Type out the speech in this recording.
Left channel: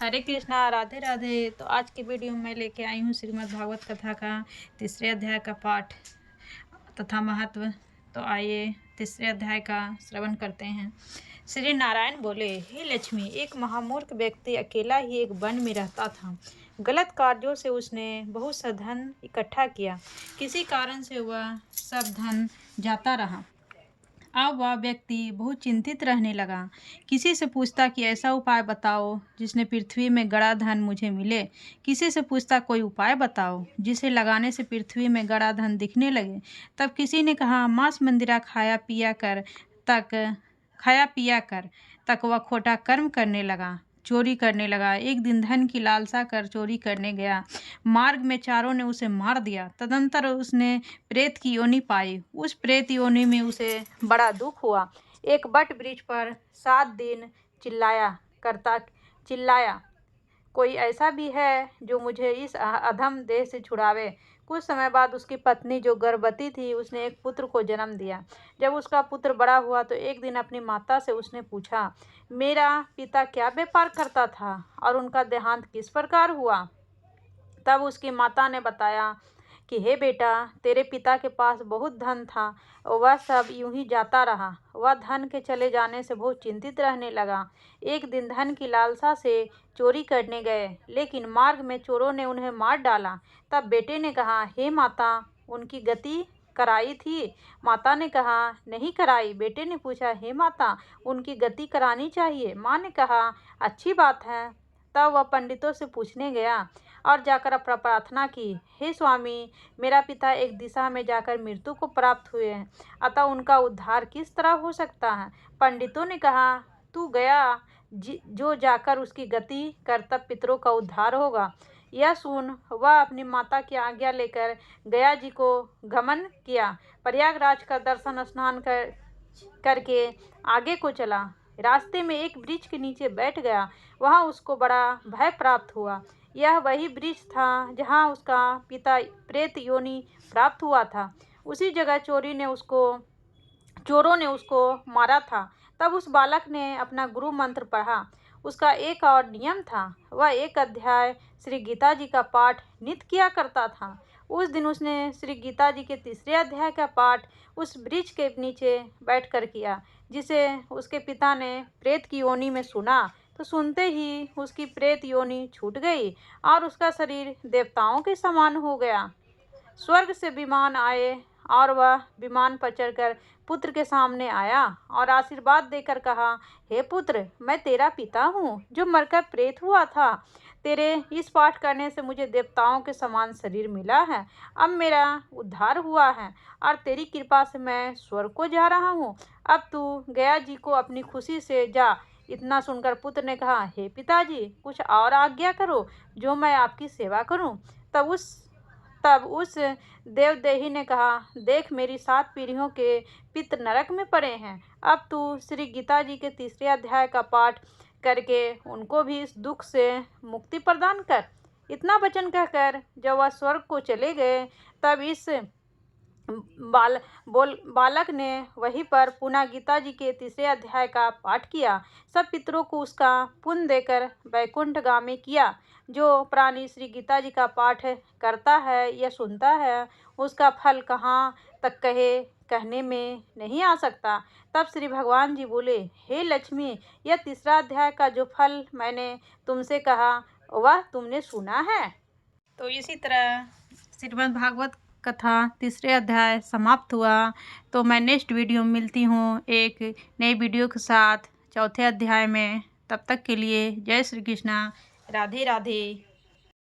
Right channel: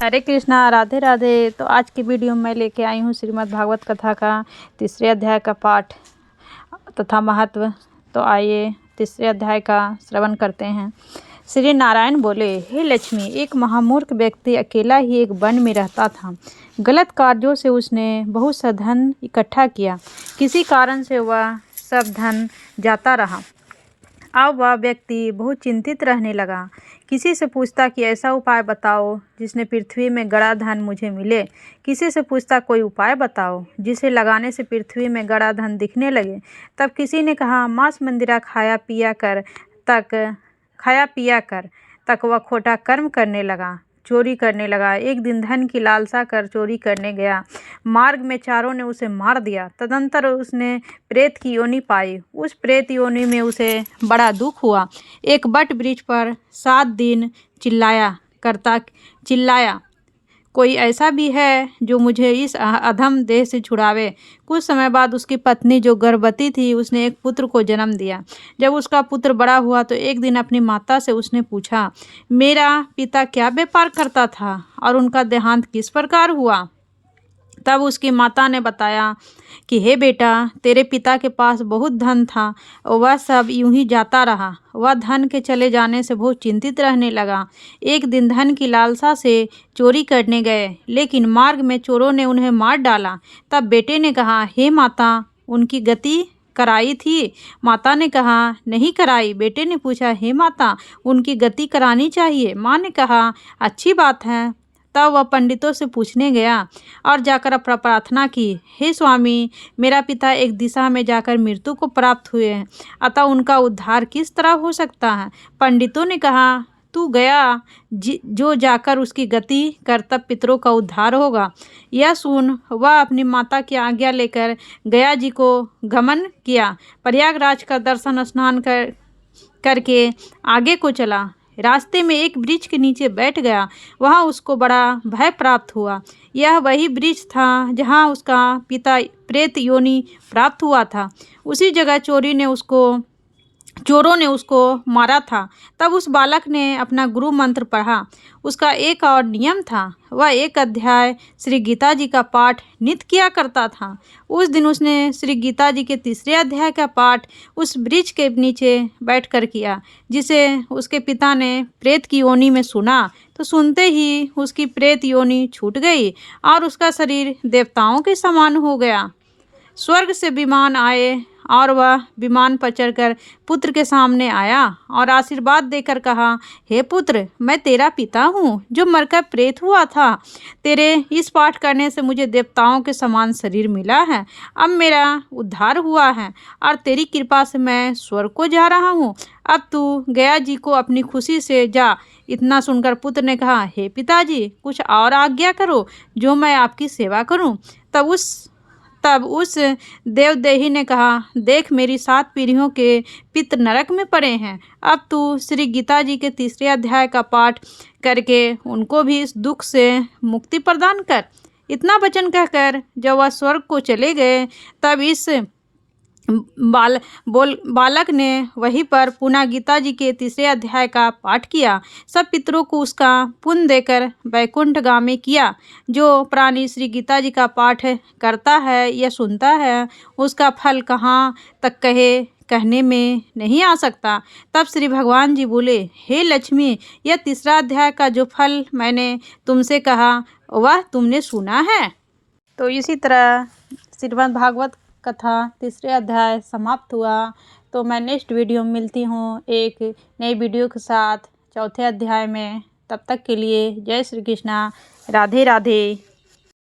हरे कृष्णा, राधे राधे। तो आज की वीडियो में लेके आई हूँ श्रीमद् भागवत कथा का तीसरे अध्याय का पाठ तथा महत्व। तो आइए तीसरे अध्याय का श्रवण करते हैं। श्री नारायण बोले, हे लक्ष्मी, एक महामूर्ख व्यक्ति अकेला ही एक वन में रहता था। गलत कार्यों से उसने बहुत सा धन इकट्ठा किया। किसी कारण से वह सब धन जाता रहा। अब वह व्यक्ति बहुत चिंतित रहने लगा। किसी से पूछता कि ऐसा उपाय बताओ जिसने पृथ्वी में गड़ा धन मुझे मिले। किसी से पूछता कोई उपाय बताओ जिसे लगाने से पृथ्वी में गड़ा धन दिखने लगे। तब किसी ने कहा, मांस मंदिरा खाया पिया कर तक वह खोटा कर्म करने लगा, चोरी करने लगा। एक दिन धन की लालसा कर चोरी करने गया। मार्ग में चारों ने उसे मार दिया। तदंतर उसने प्रेत की योनि पाई। उस प्रेत योनि में उसे बड़ा दुख हुआ। एक बट वृक्ष पर 7 दिन चिल्लाया, कोई ऐसा भी है जो मुझे इस अधम देह से छुड़ावे। कुछ समय बाद उसकी पत्नी जो गर्भवती थी उसने एक पुत्र को जन्म दिया। जब उसका पुत्र बड़ा हुआ तो एक दिन अपनी माता से उसने पूछा, मेरा पिता क्या व्यापार करता था और उनका देहांत किस प्रकार हुआ। तब उसकी माता ने बताया कि हे बेटा, तेरे पिता के पास बहुत धन था और वह सब यूं ही जाता रहा। वह धन के चले जाने से बहुत चिंतित रहने लगा। एक दिन धन की लालसा से चोरी करने गए, लेकिन मार्ग में चोरों ने उन्हें मार डाला। तब बेटे ने कहा, हे माता, उनकी गति कराई थी। माता ने कहा, नहीं कराई। बेटे ने पूछा, हे माता, उनकी गति करानी चाहिए। माँ ने कहा, अच्छी बात है। तब वह पंडितों से पूछने गया और जाकर अपना प्रार्थना की, हे स्वामी, मेरा पिता एक दिशा में जाकर मृत्यु को प्राप्त हुए हैं, अतः उनका उद्धार किस तरह हो सकता है। पंडितों ने कहा, तू गया जो जाकर उसकी गति कर, तब पितरों का उद्धार होगा। यह सुन वह अपनी माता की आज्ञा लेकर गया जी को गमन किया। प्रयागराज का दर्शन स्नान करके आगे को चला। रास्ते में एक वृक्ष के नीचे बैठ गया। वहाँ उसको बड़ा भय प्राप्त हुआ। यह वही वृक्ष था जहाँ उसका पिता प्रेत योनि प्राप्त हुआ था। उसी जगह चोरों ने उसको मारा था। तब उस बालक ने अपना गुरु मंत्र पढ़ा। उसका एक और नियम था, वह एक अध्याय श्री गीता जी का पाठ नित्य किया करता था। उस दिन उसने श्री गीता जी के तीसरे अध्याय का पाठ उस वृक्ष के नीचे बैठकर किया, जिसे उसके पिता ने प्रेत की योनि में सुना। तो सुनते ही उसकी प्रेत योनि छूट गई और उसका शरीर देवताओं के समान हो गया। स्वर्ग से विमान आए और वह विमान पर चढ़कर पुत्र के सामने आया और आशीर्वाद देकर कहा, हे पुत्र, मैं तेरा पिता हूँ जो मरकर प्रेत हुआ था। तेरे इस पाठ करने से मुझे देवताओं के समान शरीर मिला है। अब मेरा उद्धार हुआ है और तेरी कृपा से मैं स्वर्ग को जा रहा हूँ। अब तू गया जी को अपनी खुशी से जा। इतना सुनकर पुत्र ने कहा, हे पिताजी, कुछ और आज्ञा करो जो मैं आपकी सेवा करूँ। तब उस देवदेही ने कहा, देख, मेरी 7 पीढ़ियों के पितृ नरक में पड़े हैं। अब तू श्री गीता जी के तीसरे अध्याय का पाठ करके उनको भी इस दुख से मुक्ति प्रदान कर। इतना वचन कहकर जब वह स्वर्ग को चले गए, तब इस बालक ने वहीं पर पुनः गीता जी के तीसरे अध्याय का पाठ किया। सब पितरों को उसका पुण्य देकर वैकुंठगामी किया। जो प्राणी श्री गीता जी का पाठ करता है या सुनता है, उसका फल कहाँ तक कहने में नहीं आ सकता। तब श्री भगवान जी बोले, हे लक्ष्मी, यह तीसरा अध्याय का जो फल मैंने तुमसे कहा वह तुमने सुना है। तो इसी तरह श्रीमद् भागवत कथा तीसरे अध्याय समाप्त हुआ। तो मैं नेक्स्ट वीडियो में मिलती हूँ एक नई वीडियो के साथ चौथे अध्याय में। तब तक के लिए जय श्री कृष्णा, राधे राधे।